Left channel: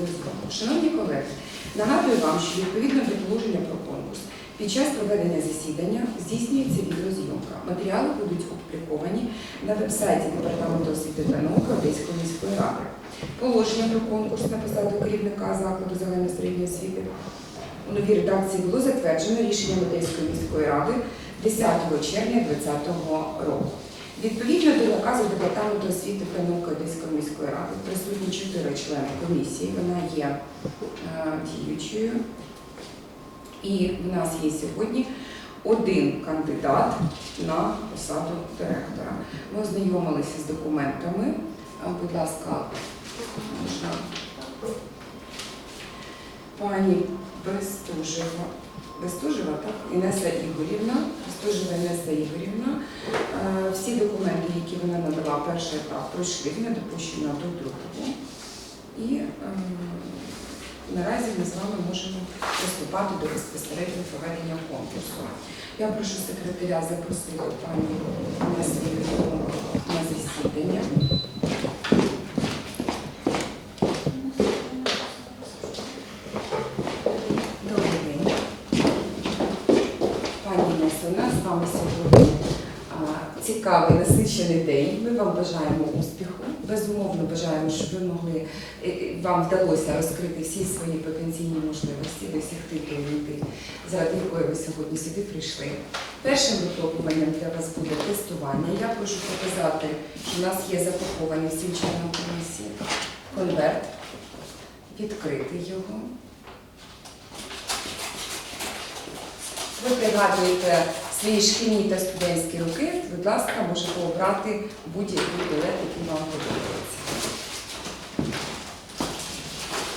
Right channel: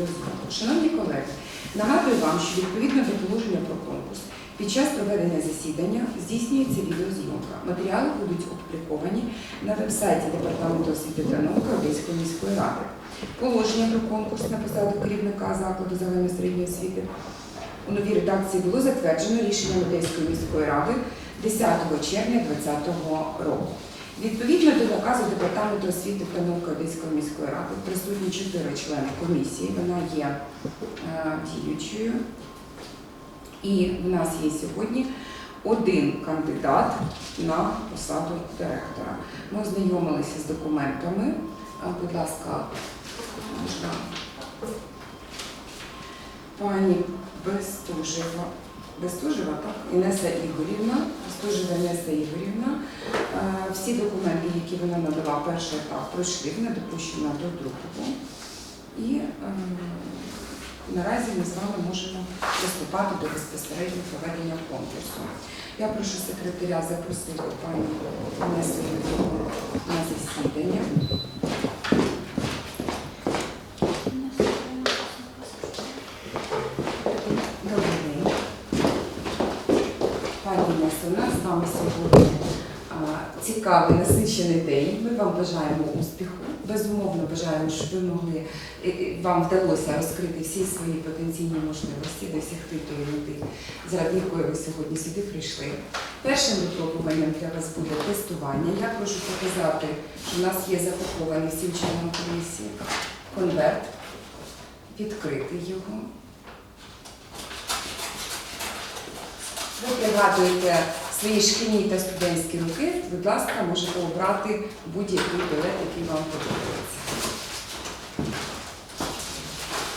відеозйомку. Шановні колеги, нагадую вам, що відповідно до положення про конкурс під час проведення засідання здійснюється відеозйомка. Матеріали будуть опубліковані на веб-сайті Департаменту освіти та науки Одеської міської ради. Положення про конкурс на посаду керівника закладу загальної середньої освіти у новій редакції було затверджено рішенням Одеської міської ради 10 червня 2020 року. Відповідно до наказу Департаменту освіти та науки Одеської міської ради присутні чотири члени комісії. Вона є е, діючою. І в нас є сьогодні один кандидат на посаду директора. Ми ознайомилися з документами. Е, Будь ласка, можна пані Бестужева. Бестужева, так? Інеса Ігорівна, Бестужева Інеса Ігорівна. Е, Всі документи, які вона надала, перший етап пройшли, вона допущена до другого. І е, наразі ми з вами можемо приступати до безпосереднього проведення конкурсу. Я прошу секретаря запросити пані Інесу Ігорівну на засідання. Вами сьогодні цікавий насичений день. Ми вам бажаємо успіху. Безумовно бажаємо, щоб ви могли вам вдалося розкрити всі свої потенційні можливості, досягти тієї мети, заради якої ви сьогодні сюди прийшли. Першим випробуванням для вас буде тестування. Я прошу показати, що в нас є запакований всім членам комісії конверт, відкрити його. Ви пригадуєте свої шкільні та студентські роки, будь ласка, можете обрати будь-який білет, який вам подобається.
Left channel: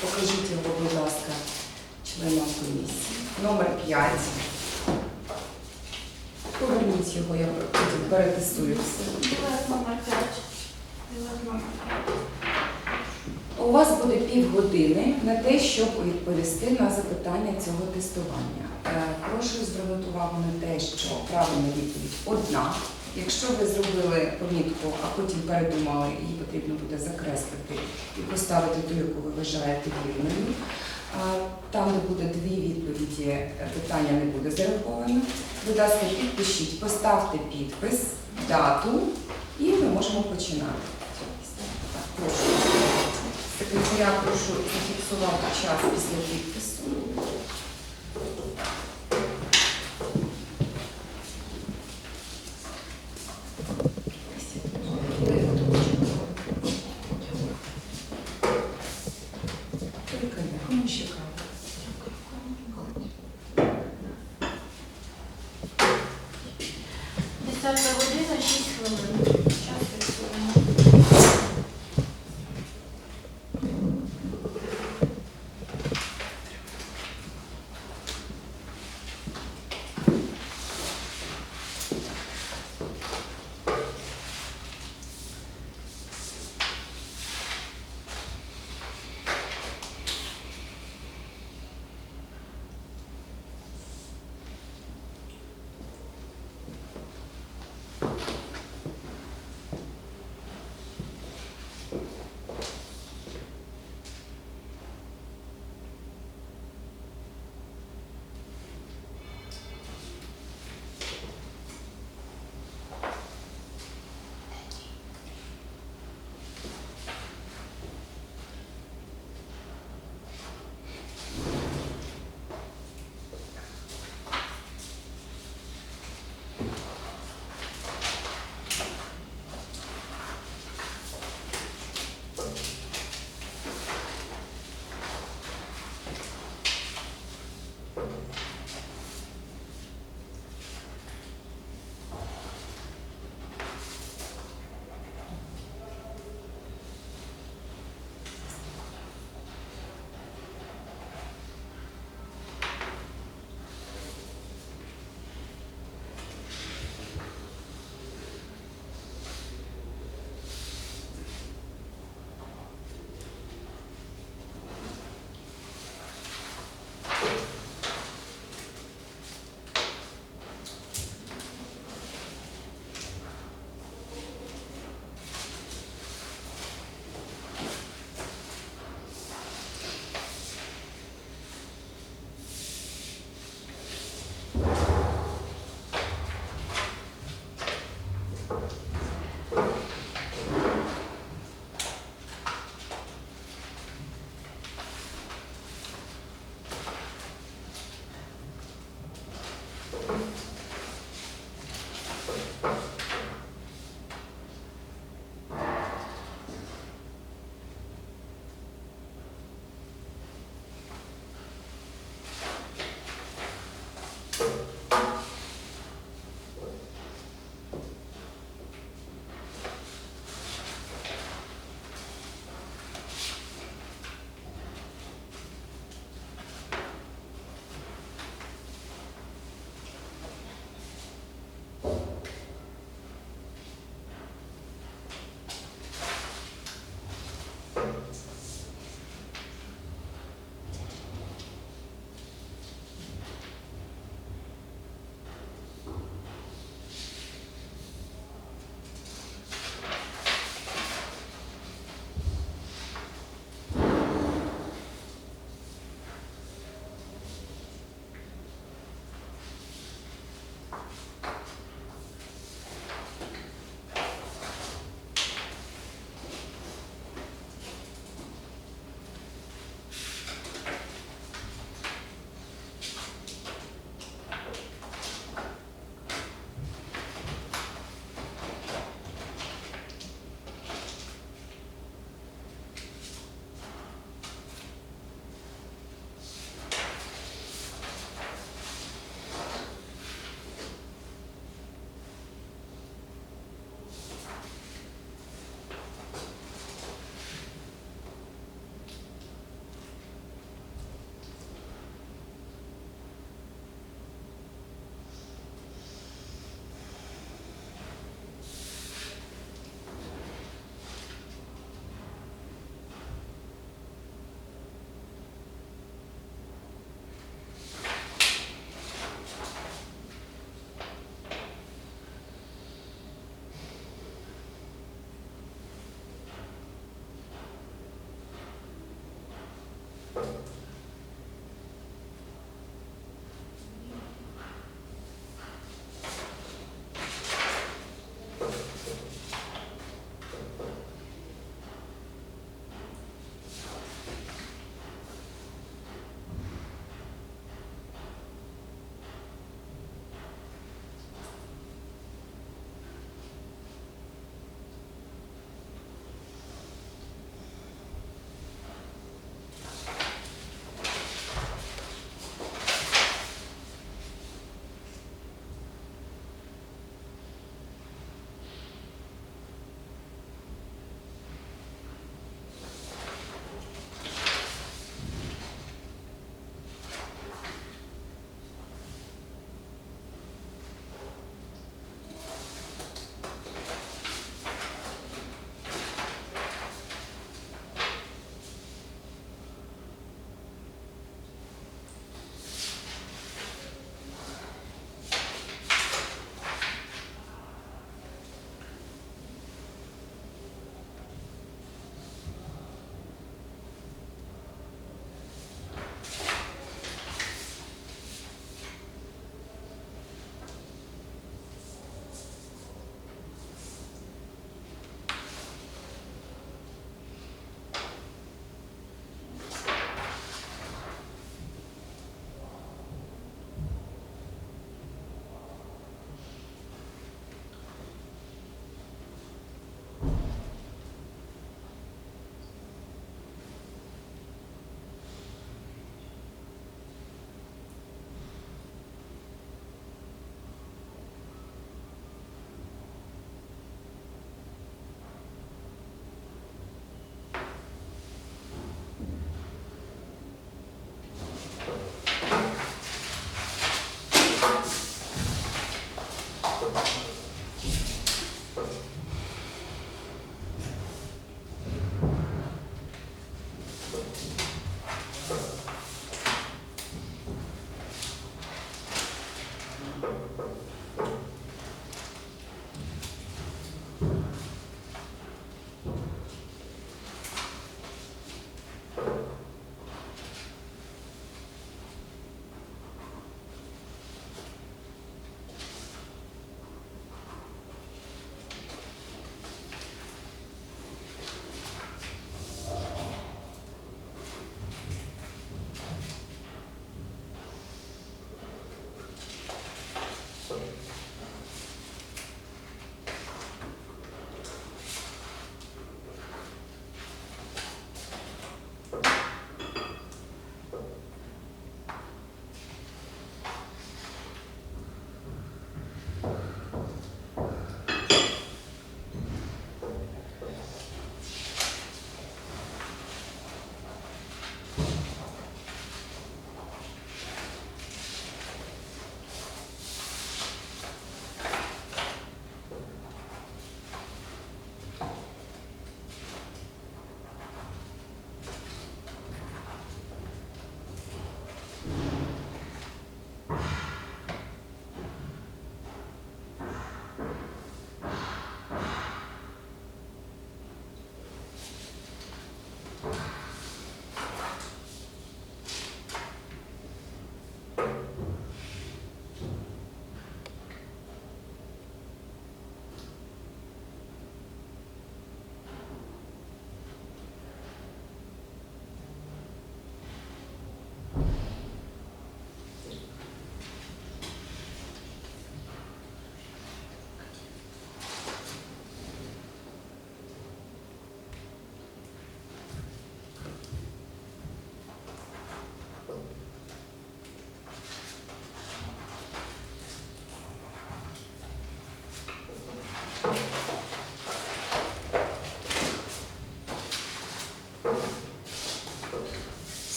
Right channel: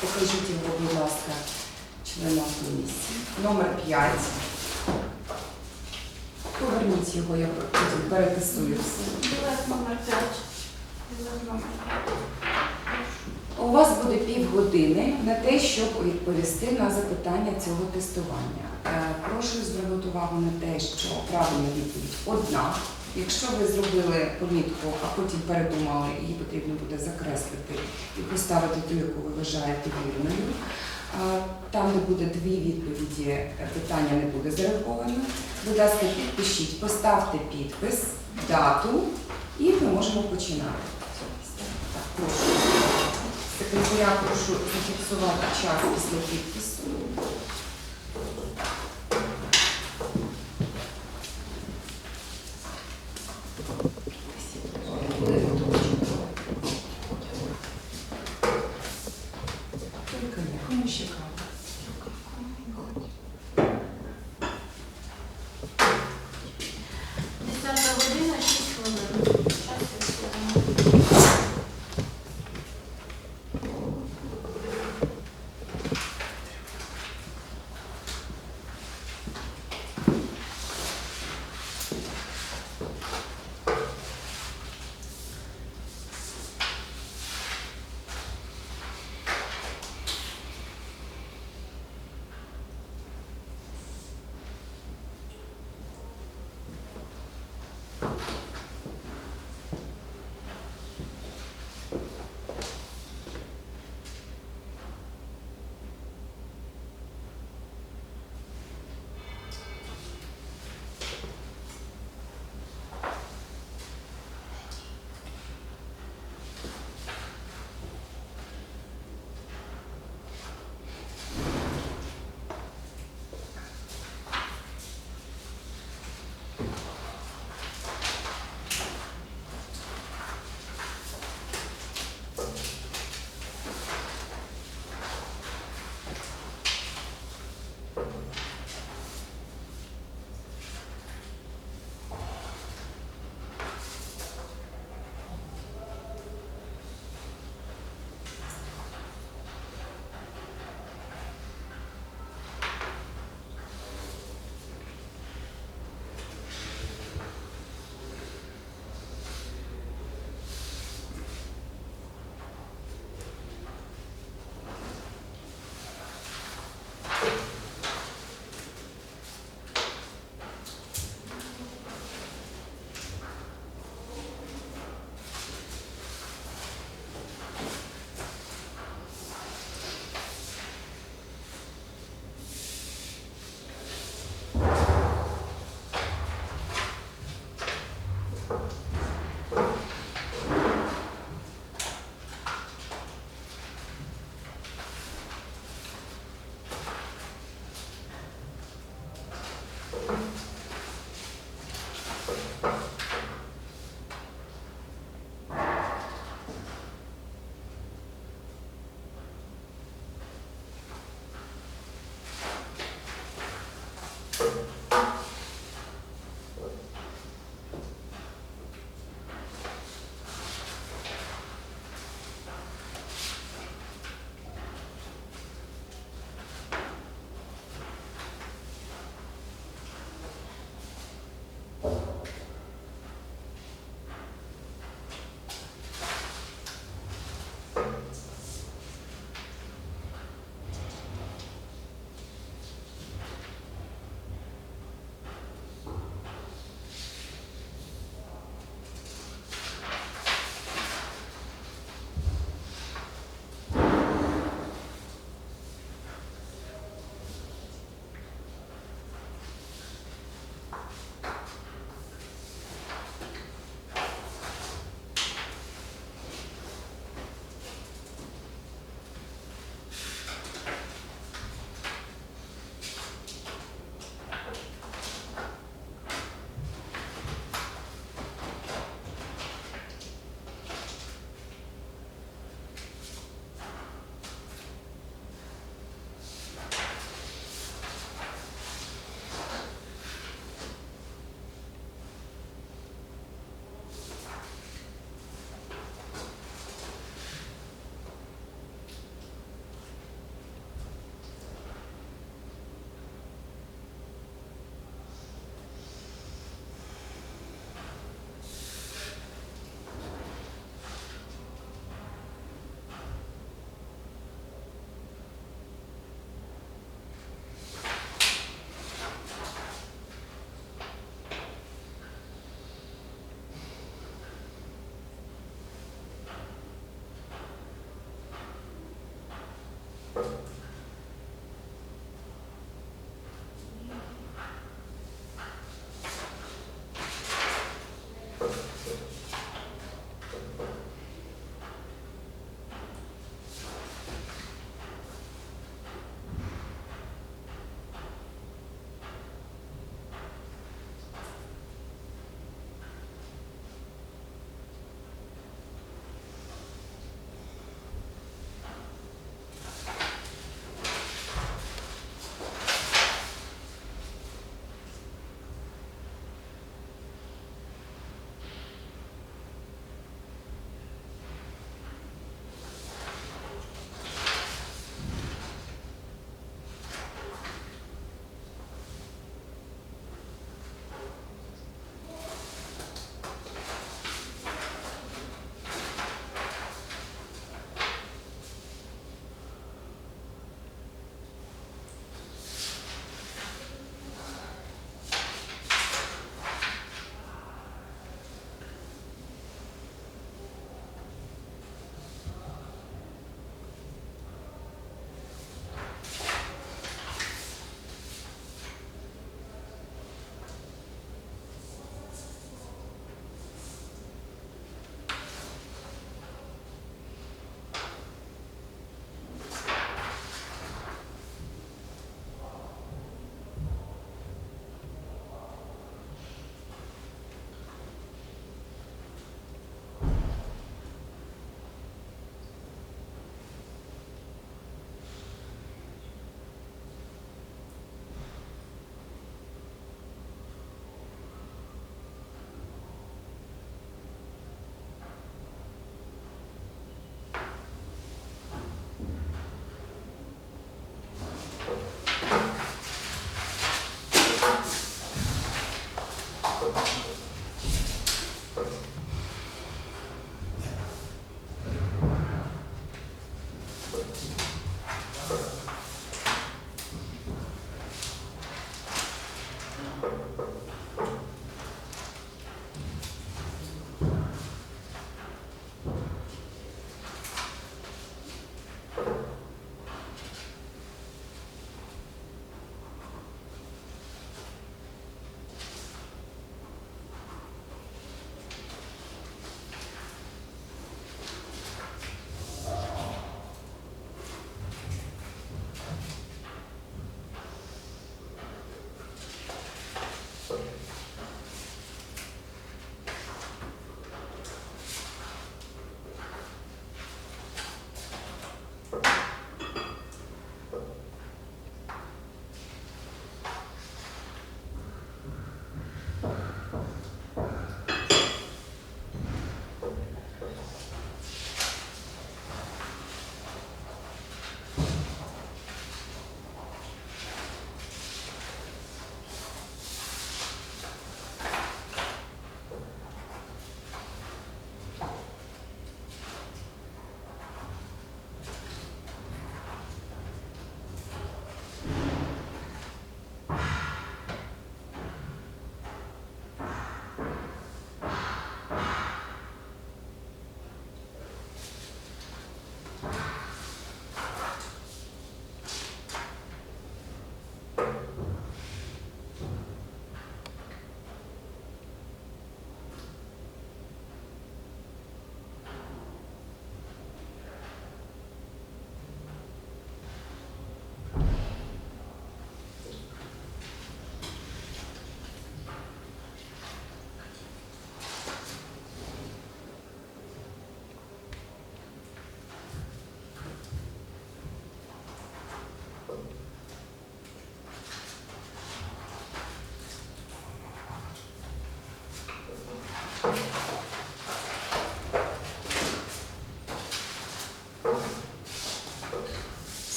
Покажіть його, будь ласка, членам комісії. Номер 5. Поверніть його, я потім перетестую все. Білет номер 5. Білет номер 5. У вас буде півгодини на те, щоб відповісти на запитання цього тестування. Е, Прошу звернути увагу на те, що правильна відповідь одна. Якщо ви зробили помітку, а потім передумали, її потрібно буде закреслити і поставити ту, яку ви вважаєте вірною. Там, де буде дві відповіді, е, питання не буде зараховано. Будь ласка, підпишіть, поставте підпис, дату, і ми можемо починати. Так, прошу. Секретаря прошу зафіксувати час після підпису.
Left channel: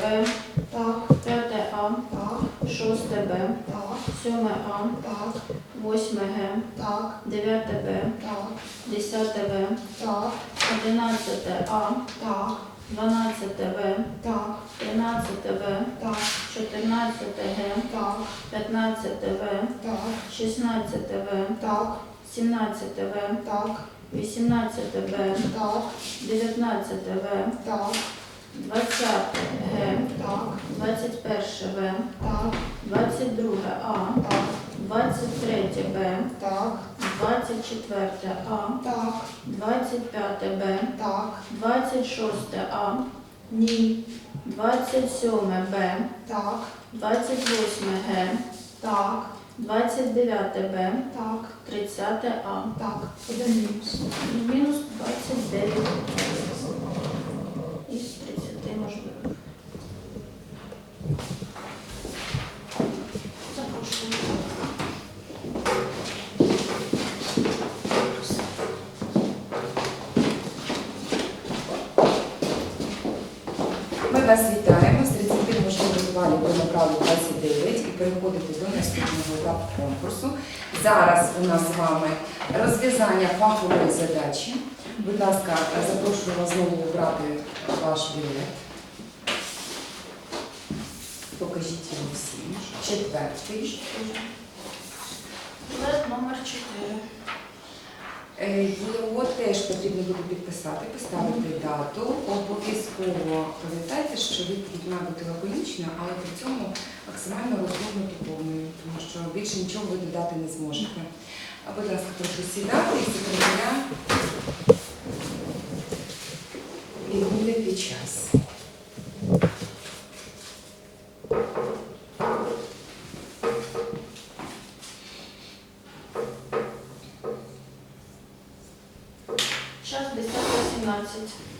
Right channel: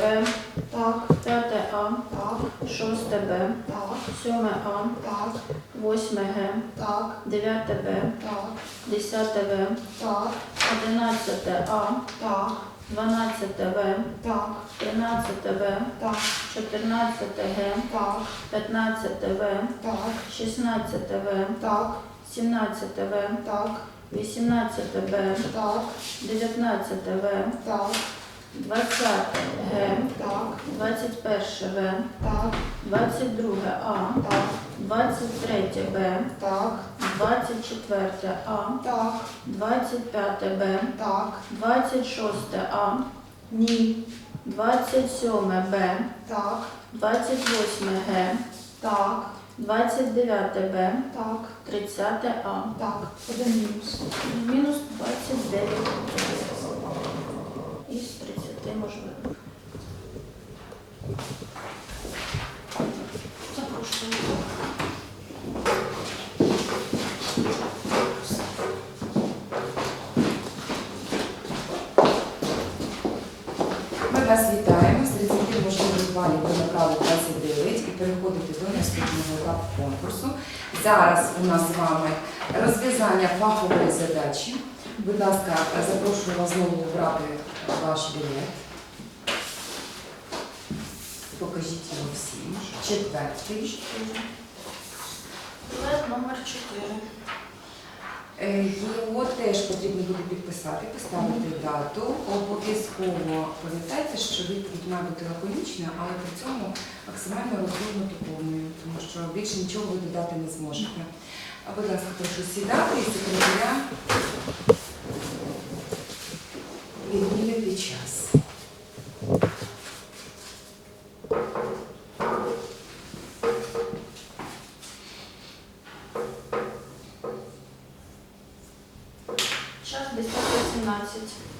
Четверте так, п'яте А, так, шосте Б, так, сьоме А, так, восьме Г, так, дев'яте Б, так, десяте В, так, одинадцяте А, так, дванадцяте В, так, тринадцяте В, так, чотирнадцяте Г, так, п'ятнадцяте В, так, шістнадцяте В, так, сімнадцяте В, так, вісімнадцяте Б, так, дев'ятнадцяте В, так, двадцяте. Г, так, двадцять перше. В, так, двадцять друге. А, так, двадцять третє. Б, так, двадцять четверте. А, так, двадцять п'яте. Б, так, двадцять шосте. А, ні, двадцять сьоме. Б, так, двадцять восьме. Г, так, двадцять дев'яте. Б, так, тридцяте. А. так, один мінус. Мінус 29 із 30 можливих. Запрошую. Ми вас вітаємо з 30 можливих балів ви набрали 29 і переходите до наступного етапу конкурсу. Зараз у нас з вами розв'язання фахової задачі. Будь ласка, запрошую вас знову обрати ваш білет. Покажіть його всім. Четвертий. Білет номер 4. Е, Його теж потрібно буде підписати, поставити дату. Обов'язково пам'ятайте, що відповідь має бути лаконічною, але при цьому максимально розгорнуто повною, тому що більше нічого ви додати не зможете. А, Будь ласка, прошу сідати і секретаря відміряти час. Час 10.17.